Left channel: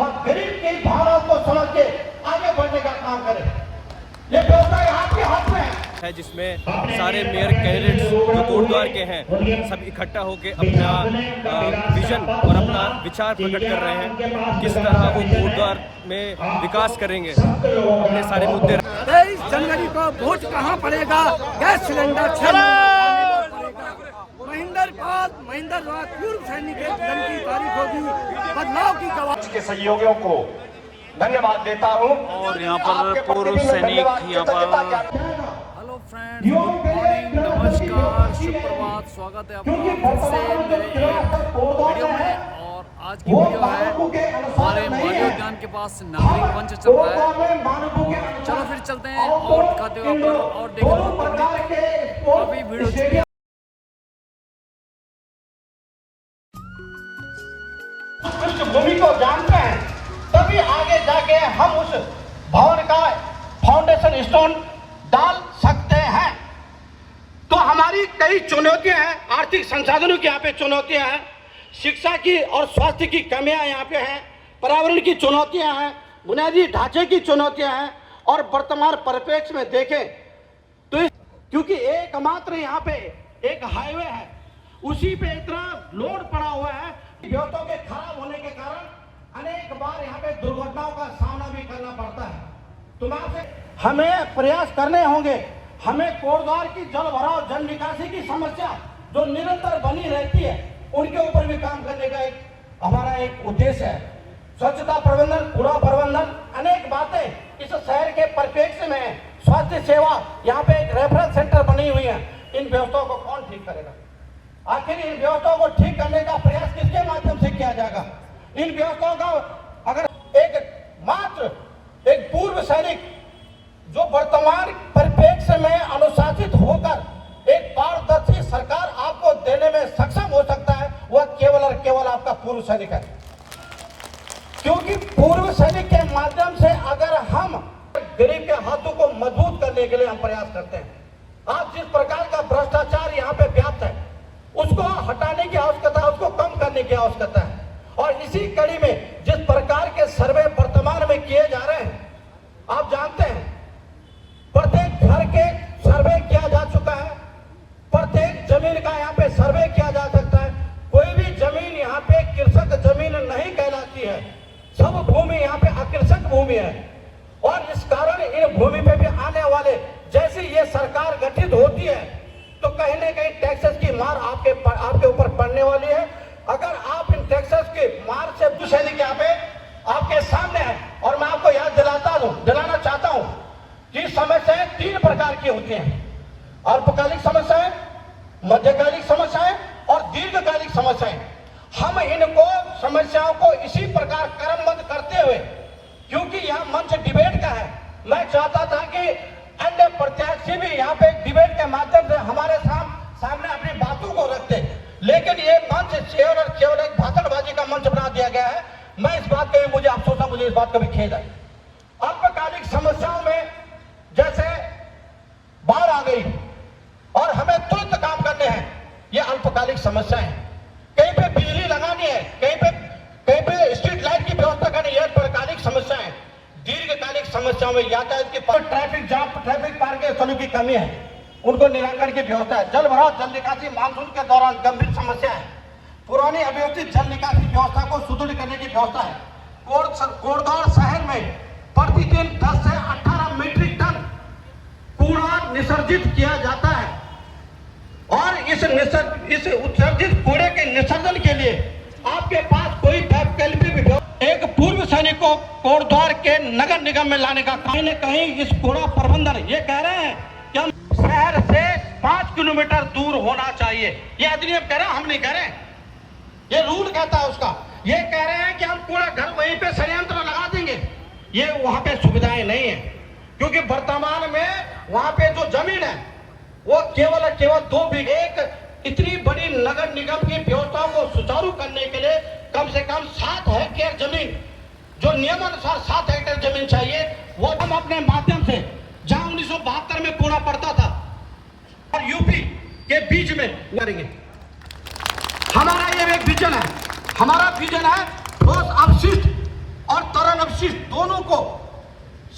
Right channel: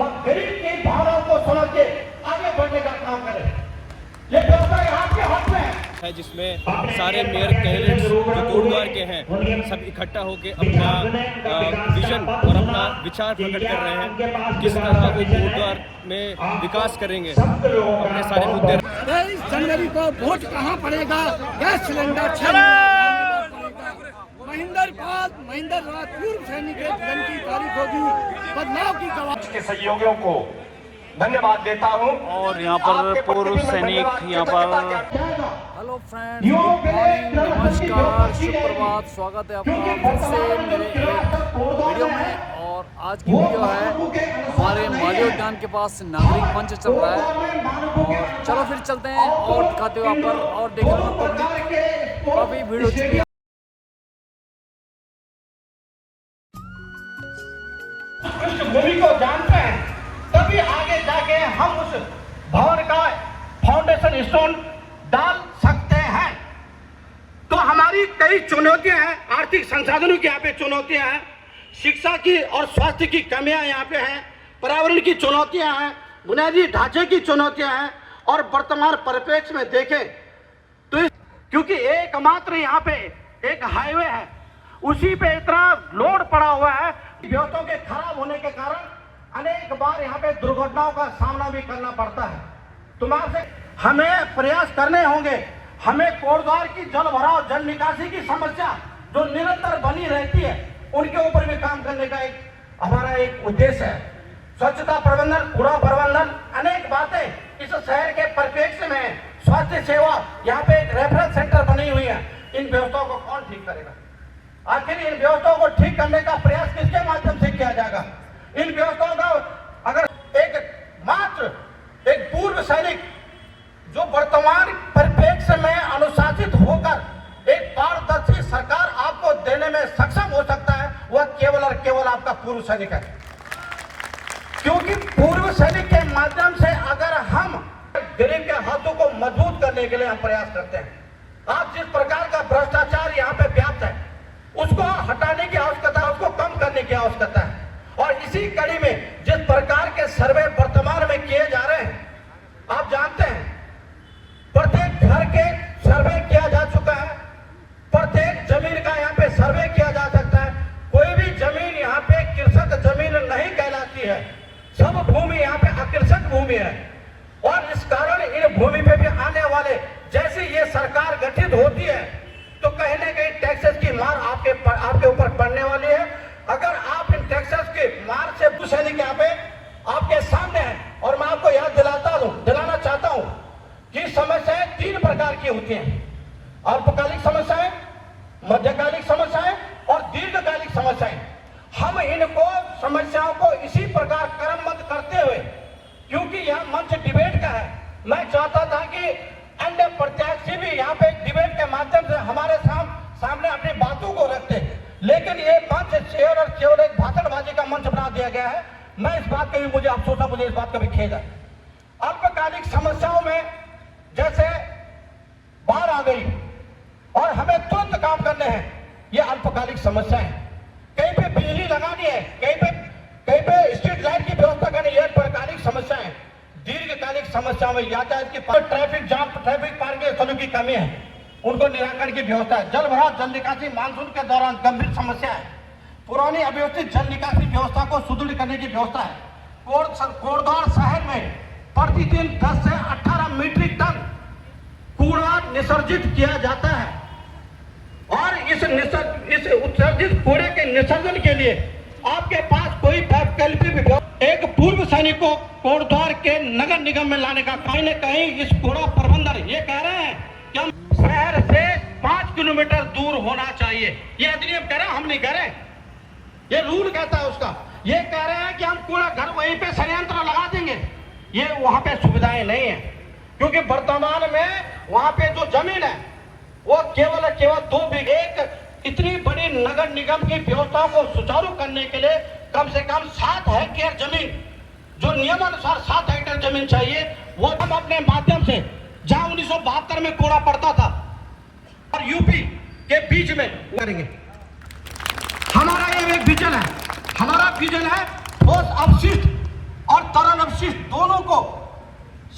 गरीब की भावनाओं को समझ के आगे बढ़ने का काम करें। ये व्यवस्था आपके हाथ में है जिसमें सारे मेयर कैंडिडेट जो कोटद्वार के हैं सब इकट्ठा होकर अपना विजन और अपना विचार प्रकट कर रहे हैं, किस तरह वो कोटद्वार में विकास करेंगे, अपने सारे मुद्दे। 23 जनवरी को वोट कहाँ पड़ेगा? गैस सिलेंडर 6 नंबर पड़ेगा। महेंद्र राज पूर्व सैनिक जन की तारीख होगी, बदलाव की गवाही के सहयोगियों को धन्यवाद देता हूं। और यहाँ पर पूर्व सैनिक यहाँ पर। हेलो फ्रेंड्स, गुड मॉर्निंग, नमस्कार, सुप्रभात, स्वागत है आपका फिर से मेरे एक वीडियो में। और आज की वीडियो है हमारे माली उद्यान के पास नागरिक मंच चल रहा है, और चलो फिर चलते हैं और दिखाते हुए आप पर, और देख रहे हो पब्लिक काफ़ी भीड़ हो चुकी है। भूमि को जानते हैं तभी आगे जाके हम उस भवन का फाउंडेशन स्टोन डाल सकते हैं। तो हमारी कई चुनौतियां हैं, आर्थिक संसाधनों की यहाँ पे चुनौतियां हैं, शिक्षा की और स्वास्थ्य की कमियां यहाँ पे हैं, पर्यावरण की चुनौतियां हैं, बुनियादी ढांचे की चुनौतियां हैं। और वर्तमान परिप्रेक्ष्य में देखें तो क्योंकि एकमात्र यहाँ पे एक हाईवे है, उसी पे इतना लोड पड़ा हुआ है, व्यवस्थाओं के खराब होने के कारण अनेक बार यहाँ पे दुर्घटनाओं का सामना भी करना पड़ता है। तुम्हारे हमें प्रयास करने होंगे। हमें कोटद्वार की जल भराव, जल निकासी की समस्या जो निरंतर बनी रहती है, उनके ऊपर भी काम करने का हमारा एक उद्देश्य है। स्वच्छता प्रबंधन, कूड़ा प्रबंधन, अनेक बातें इस शहर के परिप्रेक्ष्य में, स्वास्थ्य सेवा, यहाँ पे एक रेफरेंस सेंटर बनी हुई है। इन व्यवस्थाओं को कौन ठीक करेगा? आखिर इन व्यवस्थाओं को ठीक करने का प्रयास किसके माध्यम से किया जाएगा? इन व्यवस्थाओं का अगर एक पूर्व सैनिक जो वर्तमान परिप्रेक्ष्य में अनुशासित होकर एक पारदर्शी सरकार आपको देने में सक्षम हो सकता है, वह केवल और केवल आपका पूर्व सैनिक है। क्योंकि पूर्व सैनिक के माध्यम से अगर हम गरीब के हाथों को मजबूत करने के लिए हम प्रयास करते हैं, आज जिस प्रकार का भ्रष्टाचार यहाँ पे व्याप्त है, उसको हटाने की आवश्यकता, उसको कम करने की आवश्यकता है। और इसी कड़ी में जिस प्रकार के सर्वे वर्तमान में किए जा रहे हैं, आप जानते हैं प्रत्येक घर के सर्वे किया जा चुका है, प्रत्येक जमीन का यहाँ पे सर्वे किया जा सकता है। कोई भी जमीन यहाँ पे कृषक जमीन नहीं कहलाती है, सब भूमि यहाँ पे अकृषक भूमि है। और इस कारण इन भूमि पे भी आने वाले, जैसे ये सरकार गठित होती है तो कहीं न कहीं टैक्सेस की मार आपके ऊपर पड़ने वाली है। अगर आप इन टैक्सेस के मार से सैनिक यहाँ पे आपके सामने है, और मैं आपको याद दिलाना चाहता हूं कि समस्याएं 3 प्रकार की होती हैं: अल्पकालिक समस्याएं, मध्यकालिक समस्याएं और दीर्घकालिक समस्याएं। हम इनको समस्याओं को इसी प्रकार क्रमबद्ध करते हुए, क्योंकि यह मंच डिबेट का है, मैं चाहता था कि अन्य प्रत्याशी भी यहाँ पे डिबेट के माध्यम से हमारे सामने अपनी बातों को रखते, लेकिन ये मंच केवल एक भाषणबाजी का मंच बना दिया गया है। मैं इस बात का भी, मुझे अफसोस है, मुझे इस बात का भी खेद है। अल्पकालिक समस्याओं में जैसे बाढ़ आ गई और हमें तुरंत काम करने हैं, ये अल्पकालिक समस्या है। कहीं पे बिजली लगानी है, कहीं पे स्ट्रीट लाइट की व्यवस्था करनी है, ये अल्पकालिक समस्या है। दीर्घकालिक समस्याओं में यातायात की, ट्रैफिक जाम, ट्रैफिक पार्किंग स्थलों की कमी है, उनको निराकरण की व्यवस्था है। जल भराव, जल निकासी मानसून के दौरान गंभीर समस्या है। पुरानी अव्यवस्थित जल निकासी व्यवस्था को सुदृढ़ करने की व्यवस्था है। कोटद्वार शहर में प्रतिदिन 10 से 18 मीट्रिक टन कूड़ा निसर्जित किया जाता है, और इस उत्सर्जित कूड़े के निसर्जन के लिए आपके पास कोई वैकल्पिक, एक पूर्व सैनिक को कोटद्वार के नगर निगम में लाने का कहीं न कहीं इस कूड़ा प्रबंधन ये कह रहे हैं कि हम शहर से 5 किलोमीटर दूर होना चाहिए। ये अधिनियम कह रहे हैं, हम नहीं कह रहे, ये रूल कहता है उसका। ये कह रहे हैं कि हम कूड़ा घर वहीं पे संयंत्र लगा देंगे, ये वहां पे सुविधाएं नहीं है, क्योंकि वर्तमान में वहां पे जो जमीन है वो केवल 2 बीघे। एक इतनी बड़ी नगर निगम की व्यवस्थाओं को सुचारू करने के लिए कम से कम 7 हेक्टेयर जमीन, जो नियमानुसार 7 हेक्टेयर जमीन चाहिए, वो हम अपने माध्यम से, जहां 1972 में कूड़ा पड़ता था और यूपी के बीच में करेंगे। हमारा ये एक विजन है, हमारा विजन है ठोस अपशिष्ट और और तरन अवशिष्ट दोनों को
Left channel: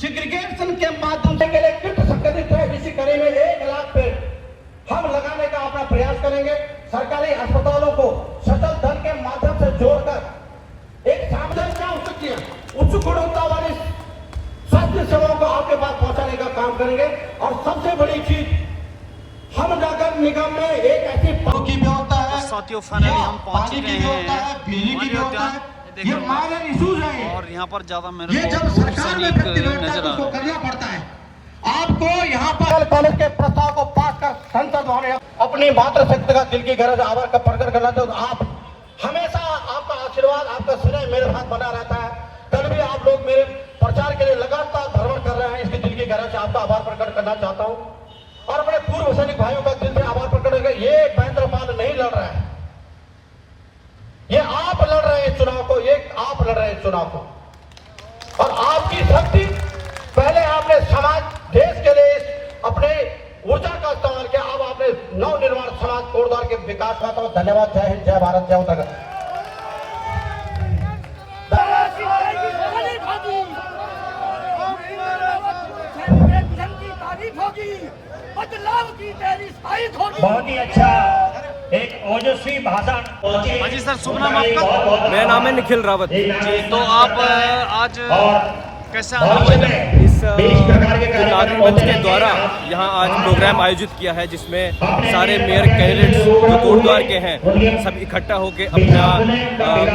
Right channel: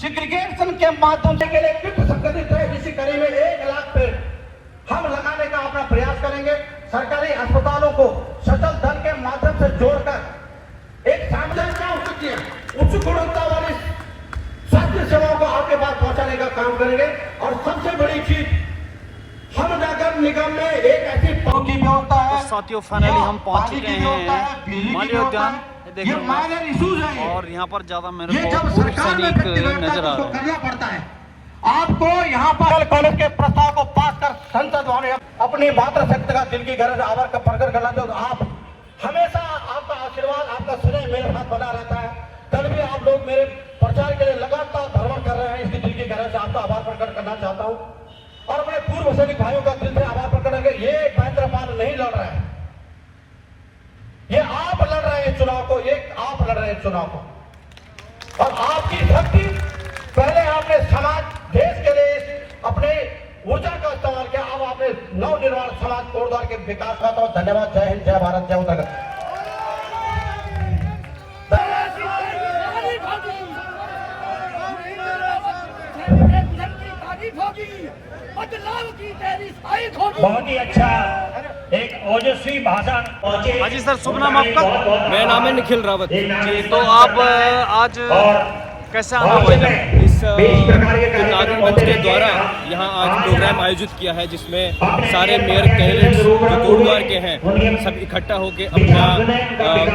सेग्रीगेशन के माध्यम से के लिए किट संगठित है, इसी कड़ी में 1 लाख पेड़ हम लगाने का अपना प्रयास करेंगे। सरकारी अस्पतालों को सचल धन के माध्यम से जोड़कर एक सामुदायिक क्या हो सकती है, उच्च गुणवत्ता वाली स्वास्थ्य सेवाओं को आपके पास पहुंचाने का काम करेंगे। और सबसे बड़ी चीज, हम नगर निगम में एक ऐसी की व्यवस्था है। तो साथियों फाइनली हम पहुंच चुके हैं माली उद्यान, देख रहे होंगे, और यहाँ पर ज्यादा मेरे को पूर्व सैनिक नजर आ रहे हैं। आपको यहाँ पर कॉलेज के प्रस्ताव को पास कर संसद भवन अपनी मातृशक्ति का दिल की गरज आभार का प्रकट करना चाहता हूँ। आप हमेशा आपका आशीर्वाद, आपका स्नेह मेरे साथ बना रहता है। कल भी आप लोग मेरे प्रचार के लिए लगातार भ्रमण कर रहे हैं, इसकी दिल की गरज से आपका आभार प्रकट करना चाहता हूँ। और अपने पूर्व सैनिक भाइयों का दिल से आभार प्रकट करके, ये महेंद्रपाल नहीं लड़ रहा है, ये आप लड़ रहे हैं चुनाव को, ये आप लड़ रहे हैं चुनाव को। और आपकी शक्ति, पहले आपने समाज देश के लिए अपने ऊर्जा का इस्तेमाल किया, अब आपने नवनिर्माण समाज कोटद्वार के विकास का। तो धन्यवाद। जय हिंद, जय भारत, जय उत्तराखंड। बदलाव की तेरी तारीफ होगी। बहुत ही अच्छा एक ओजस्वी भाषण। हाँ जी सर, शुभ नाम आपका? मेरा नाम है निखिल रावत। जी, तो आप आज कैसे आना हुआ इधर? इस जो नागरिक मंच के द्वारा यहाँ आज प्रोग्राम आयोजित किया है, जिसमें सारे मेयर कैंडिडेट्स जो कोटद्वार के हैं सब इकट्ठा होकर अपना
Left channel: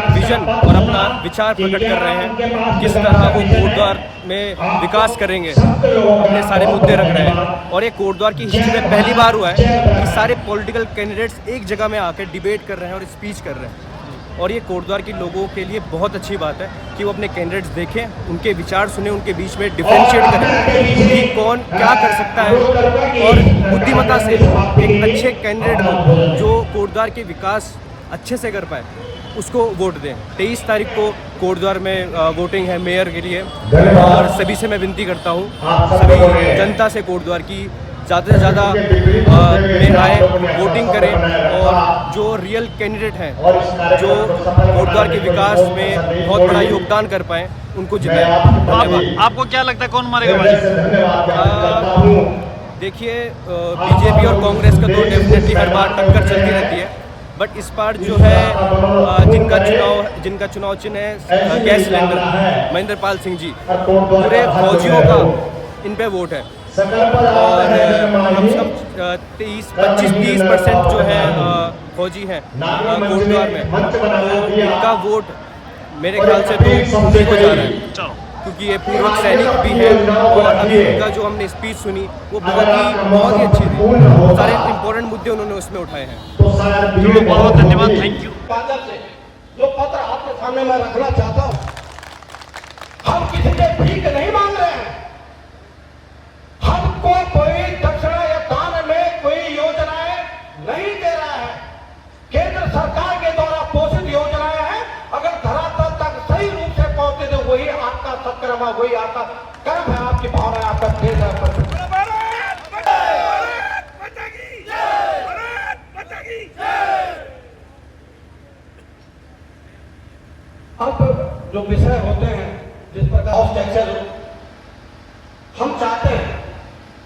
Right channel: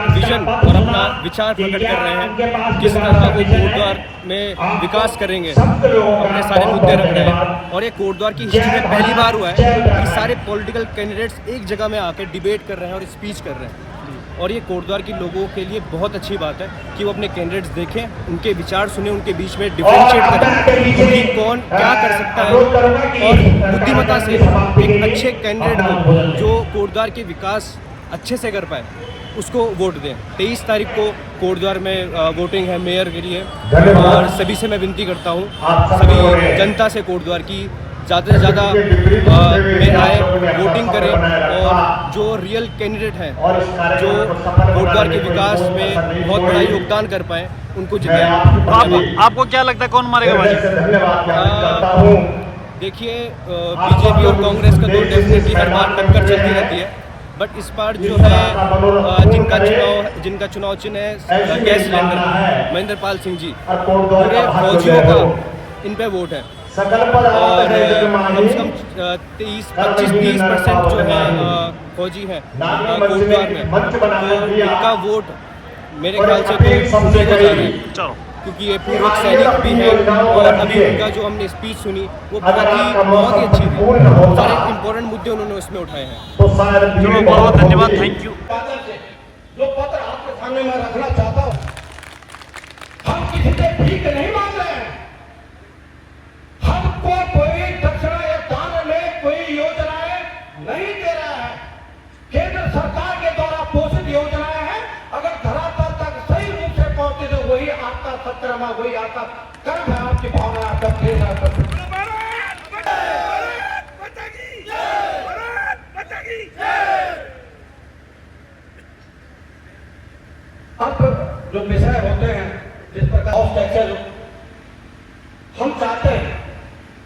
विजन और अपना विचार प्रकट कर रहे हैं, किस तरह वो कोटद्वार में विकास करेंगे, अपने सारे मुद्दे रख रहे हैं। और ये कोटद्वार की हिस्ट्री में पहली बार हुआ है कि सारे पॉलिटिकल कैंडिडेट्स एक जगह में आकर डिबेट कर रहे हैं और स्पीच कर रहे हैं। और ये कोटद्वार के लोगों के लिए बहुत अच्छी बात है कि वो अपने कैंडिडेट्स देखें, उनके विचार सुने, उनके बीच में डिफरेंशिएट करें कि कौन क्या कर सकता है, और बुद्धिमत्ता से एक अच्छे कैंडिडेट को जो कोटद्वार के विकास अच्छे से कर पाए उसको वोट दें। 23 तारीख को कोटद्वार में वोटिंग है मेयर के लिए, और सभी से मैं विनती करता हूँ, सभी जनता से कोटद्वार की ज़्यादा से ज़्यादा में आए, वोटिंग करें, और जो रियल कैंडिडेट हैं जो कोटद्वार के विकास में बहुत बड़ा योगदान कर पाएँ उनको जिताएं। आपको क्या लगता है कौन मारेगा बाजी? देखिए, बीजेपी और कांग्रेस का तो डेफिनेटली हर बार टक्कर चलती रहती है, बट इस बार जो है जिनका चुनाव चिन्ह है गैस सिलेंडर, महेंद्रपाल सिंह जी, पूरे फौजियों का इन पे वोट है, और कम से कम 25-30% जो है फौजी हैं कोटद्वार में, तो इनका वोट मेरे ख्याल से तो उन्हीं को जा रहा है, क्योंकि ये पूर्व सैनिक भी है। और अभी उनका जो हमने स्पीच सुनी वो बहुत ही अच्छी थी, सारे इम्पोर्टेंट मुद्दे उन्होंने उसमें उठाए हैं। बहुत धन्यवाद, थैंक यू। जो पत्र आपके सामने मैं रखना चाहता हूँ, हम किसी से भीख नहीं मांग रहे हैं, हमको कोई दक्षिणा या दान में कोई योजनाएं नहीं दे रहा है। केंद्र सरकार के द्वारा पोषित योजनाएं हैं, अगर धरातल तक सही रूप से पहुंचे तो वही आपका सत्कर्म है, वही आपका कर्म है, आपकी भावना है, आपका देश है। अब जो विषय होते हैं जिस प्रकार हम चाहते हैं,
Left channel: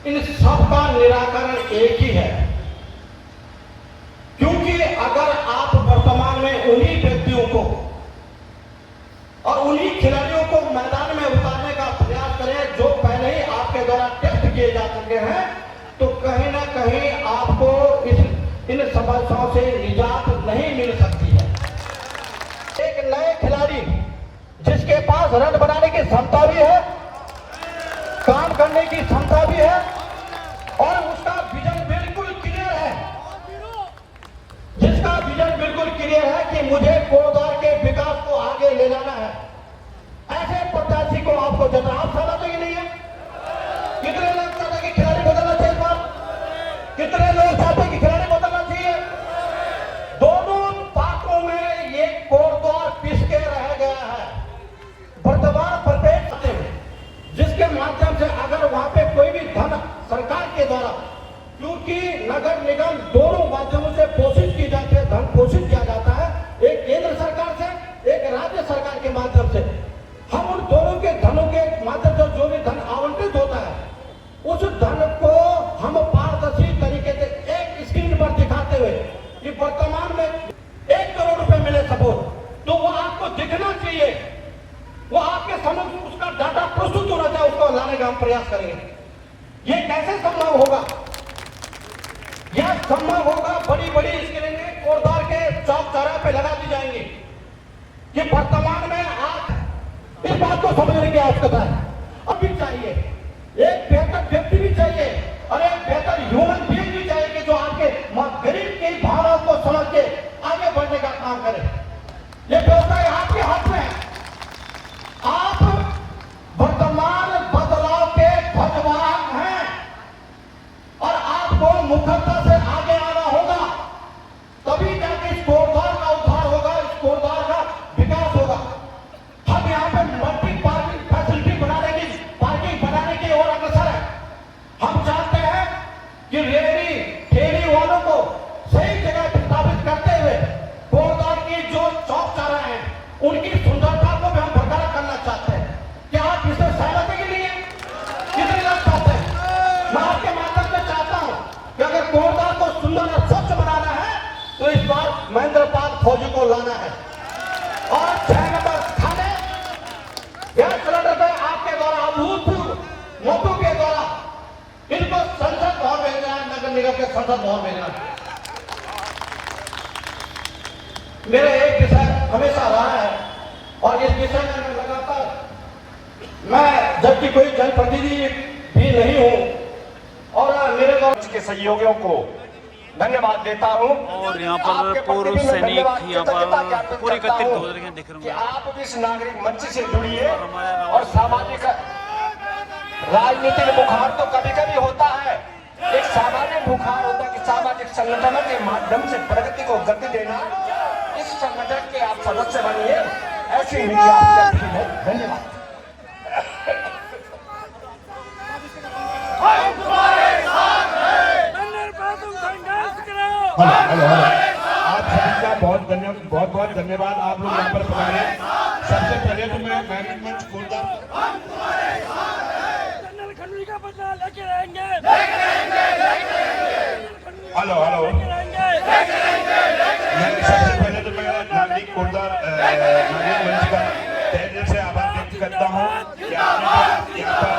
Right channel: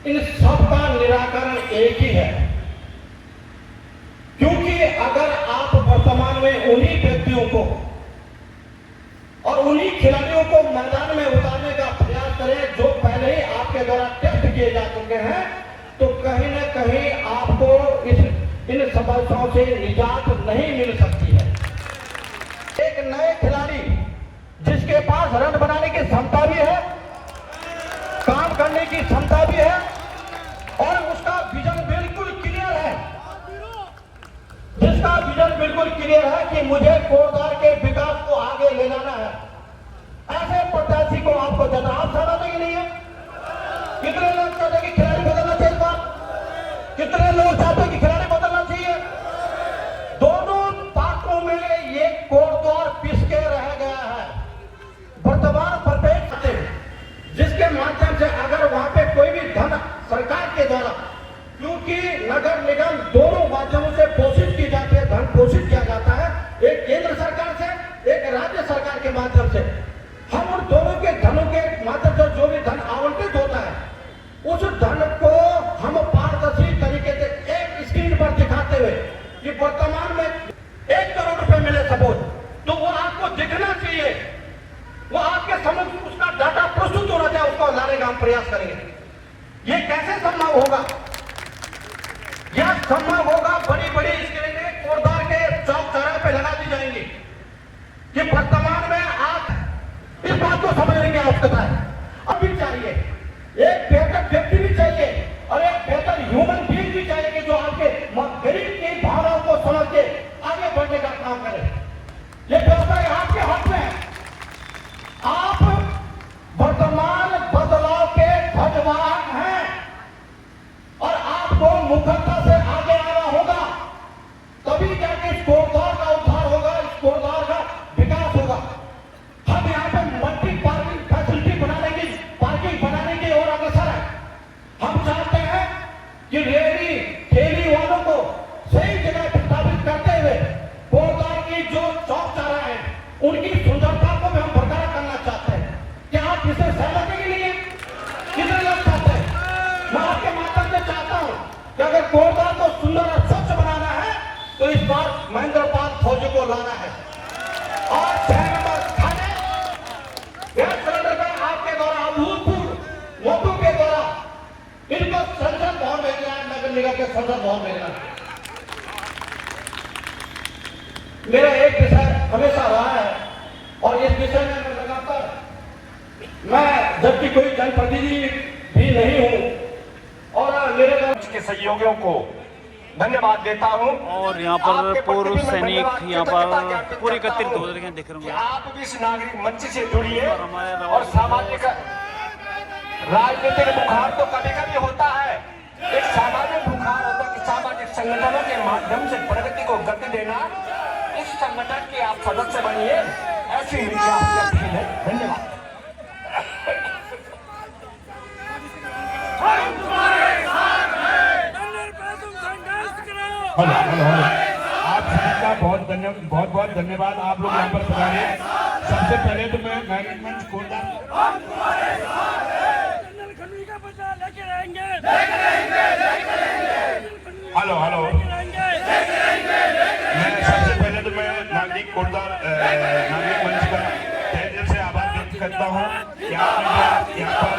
इन सब का निराकरण एक ही है, क्योंकि अगर आप वर्तमान में उन्हीं व्यक्तियों को और उन्हीं खिलाड़ियों को मैदान में उतारने का प्रयास करें जो पहले ही आपके द्वारा टेस्ट किए जा चुके हैं, तो कहीं ना कहीं आपको इन समस्याओं से निजात नहीं मिल सकती है। एक नए खिलाड़ी जिसके पास रन बनाने की क्षमता भी है, काम करने की क्षमता भी है, और उसका विजन बिल्कुल क्लियर है, जिसका विजन बिल्कुल क्लियर है कि मुझे कोटद्वार के विकास को आगे ले जाना है, ऐसे प्रत्याशी को आपको जितना आप सारा तो ये नहीं है। कितने लोग चाहते हैं कि खिलाड़ी बदलना चाहिए, कितने लोग चाहते हैं कि खिलाड़ी बदलना चाहिए? दोनों पार्टों में ये कोटद्वार पिसके रह गया है। वर्तमान परिप्रेक्ष्य जिसके माध्यम से अगर वहां पे कोई भी धन सरकार के द्वारा, क्योंकि नगर निगम दोनों माध्यमों से पोषित की जाती है, धन पोषित किया जाता है, एक केंद्र सरकार से, एक राज्य सरकार के माध्यम से। हम उन दोनों के धनों के माध्यम से जो भी धन आवंटित होता है, उस धन को हम पारदर्शी तरीके से एक स्क्रीन पर दिखाते हुए कि वर्तमान में 1 करोड़ रुपए मिले सपोज, तो वो आपको दिखना चाहिए, वो आपके समक्ष उसका डाटा प्रस्तुत होना चाहिए, उसको लाने का हम प्रयास करेंगे। ये कैसे संभव होगा? यह संभव होगा बड़ी बड़ी स्क्रीनें कोटद्वार के चौक चौराहे पे लगा दी जाएंगी कि वर्तमान में आप इस बात को समझने की आवश्यकता है। अब भी चाहिए एक बेहतर व्यक्ति भी चाहिए और एक बेहतर ह्यूमन बीइंग भी चाहिए कि जो आपके गरीब की भावनाओं को समझ के आगे बढ़ने का काम करे। ये व्यवसाय आपके हाथ में है। आप वर्तमान बदलाव के ध्वजवाहक हैं और आपको मुखरता से आगे आना होगा, तभी जाके इस कोटद्वार का उद्धार होगा, इस कोटद्वार का विकास होगा। हम यहाँ पे मल्टी पार्किंग फैसिलिटी पार्किंग बनाने की ओर अग्रसर है। हम चाहते हैं कि रेहड़ी ठेली वालों को सही जगह स्थापित करते हुए कोटद्वार की जो चौक चौराहे हैं उनकी सुंदरता को भी हम बरकरार करना चाहते हैं। क्या आप इसे सहमत है कि नहीं है? कितने लोग चाहते हैं? मैं आपके माध्यम से चाहता हूं कि अगर कोटद्वार को सुंदर और स्वच्छ बनाना है तो इस बार महेंद्र पाल फौजी को लाना है और 6 नंबर थाने गैस सिलेंडर पे आपके द्वारा अभूतपूर्व वोटों के द्वारा इनको संसद भवन भेजना है, नगर निगम के संसद भवन भेजना है। मेरा एक विषय हमेशा रहा है और इस विषय में मैं लगातार, मैं जबकि कोई जनप्रतिनिधि भी नहीं हूं और मेरे के सहयोगियों को धन्यवाद देता हूं। और यहाँ पर पूर्व सैनिक यहाँ पर पूरी एकत्रित हो रहे हैं, देख रहे होंगे आप भी इस नागरिक मंच से जुड़िए। और हमारे और सामाजिक राजनीतिक बुखार तो कभी कभी होता है, एक सामाजिक बुखार होता है कि सामाजिक संगठनों के माध्यम से प्रगति को गति देना। इस संगठन के आप सदस्य बनिए, ऐसी धन्यवाद। आप सबका बहुत बहुत धन्यवाद। आप लोग यहाँ पर पधारे। सबसे पहले तो मैं मैनेजमेंट कोटद्वार हेलो सबसे पहले तो मैं नागरिक कोटद्वार नागरिक मंच का तहे दिल से आभार व्यक्त करता हूँ कि आपने यहाँ पर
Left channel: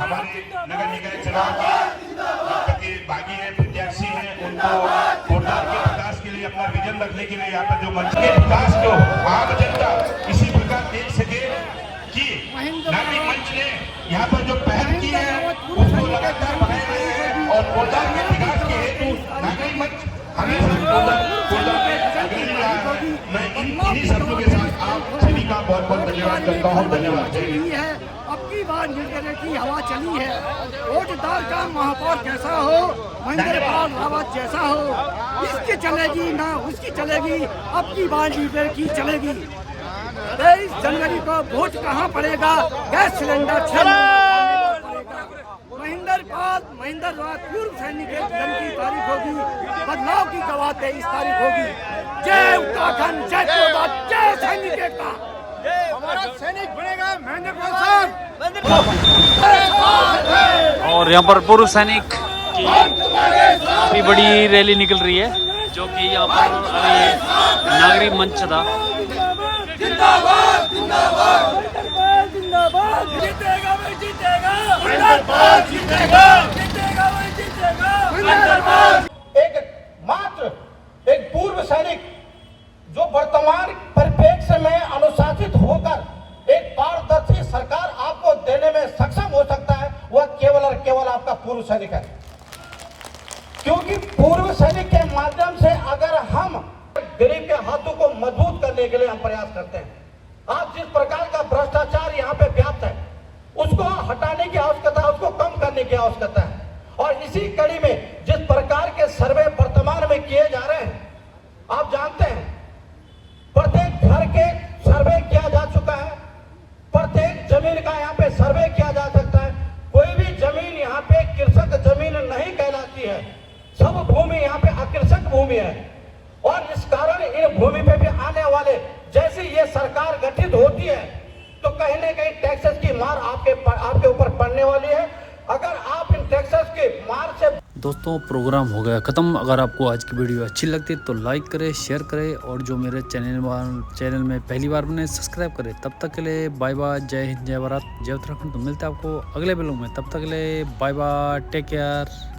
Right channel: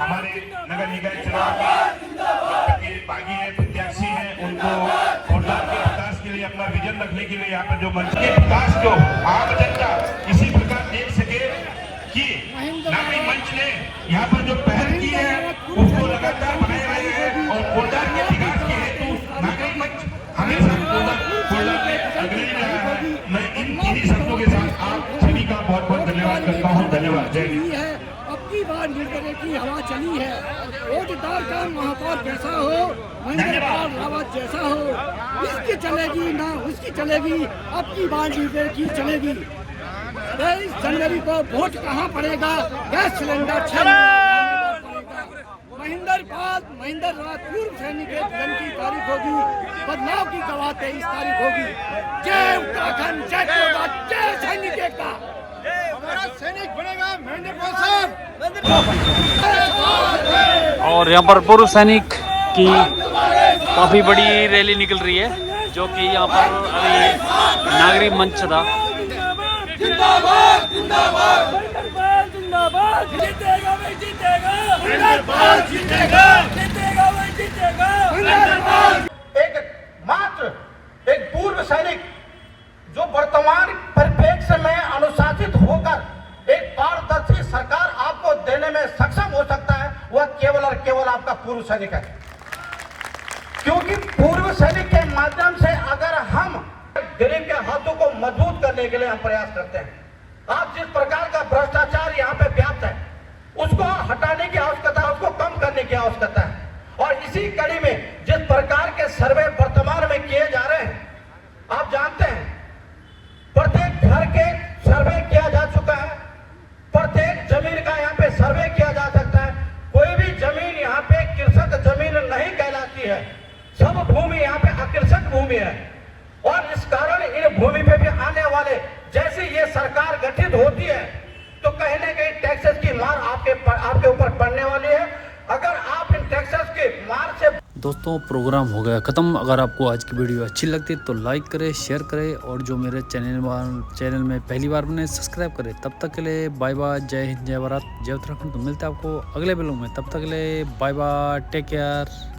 हमारे नगर निगम चुनाव का बागी है, प्रत्याशी है, उनको कोटद्वार के विकास के लिए अपना विजन रखने के लिए यहाँ पर जो मंच के विकास जो आम जनता इसी प्रकार देख सके कि नागरिक मंच ने यहाँ पर जो पहल की है और कोटद्वार के विकास के हेतु नागरिक मंच हमेशा इन्हीं शब्दों के साथ आप सभी का बहुत बहुत धन्यवाद करता हूँ। धन्यवाद। अब की बार निर्दलीय की हवा चली है। कोटद्वार का महापौर कैसा हो, महेंद्र पाल रावत जैसा हो, इसकी चलेगी ना उसकी चलेगी, अब की बार निर्दलीय की चलेगी। 23 जनवरी को वोट कहाँ पड़ेगा? गैस सिलेंडर 6 नंबर पर पड़ेगा। महेंद्र रावत पूर्व सैनिक के जन्म की तारीख होगी, बदलाव की गवाह 23 तारीख होगी। जय उत्तराखंड, जय कोटद्वार, जय सैनिक एकता। हमारा सैनिक बनेगा महेंद्र पाल साहब। और यहाँ पर पूर्व सैनिक की काफी बड़ी रैली निकल रही है, जो कि यहाँ पर अभी नागरिक मंच था। जिंदाबाद जिंदाबाद जिंदाबाद, जीतेगा भाई जीतेगा, जिंदाबाद जीतेगा, जीतेगा भाई जीतेगा, जिंदाबाद। एक पूर्व सैनिक जो वर्तमान परिप्रेक्ष्य में अनुशासित होकर एक पारदर्शी सरकार आपको देने में सक्षम हो सकता है, वह केवल और केवल आपका पूर्व सैनिक है। क्योंकि पूर्व सैनिक के माध्यम से अगर हम गरीब के हाथों को मजबूत करने के लिए हम प्रयास करते हैं, आज जिस प्रकार का भ्रष्टाचार यहाँ पे व्याप्त है उसको हटाने की आवश्यकता है, उसको कम करने की आवश्यकता है। और इसी कड़ी में जिस प्रकार के सर्वे वर्तमान में किए जा रहे हैं, आप जानते हैं प्रत्येक घर के सर्वे किया जा चुका है, प्रत्येक जमीन का यहाँ पे सर्वे किया जा सकता है। कोई भी जमीन यहाँ पे कृषक जमीन नहीं कहलाती है, सब भूमि यहाँ पे अकृषक भूमि है। और इस कारण इन भूमि पे भी आने वाले, जैसे ये सरकार गठित होती है तो कहीं ना कहीं टैक्सेस की मार आपके ऊपर पड़ने वाली है। अगर आप इन टैक्सेस की मार से दोस्तों प्रोग्राम हो गया ख़त्म। अगर आपको आज की वीडियो अच्छी लगती है तो लाइक करें, शेयर करें और जो मेरे चैनल में पहली बार बने सब्सक्राइब करें। तब तक के लिए बाय बाय, जय हिंद, जय भारत, जय उत्तराखंड। तो मिलते हैं आपको अगले वीडियो में, तब तक के लिए बाय बाय, टेक केयर।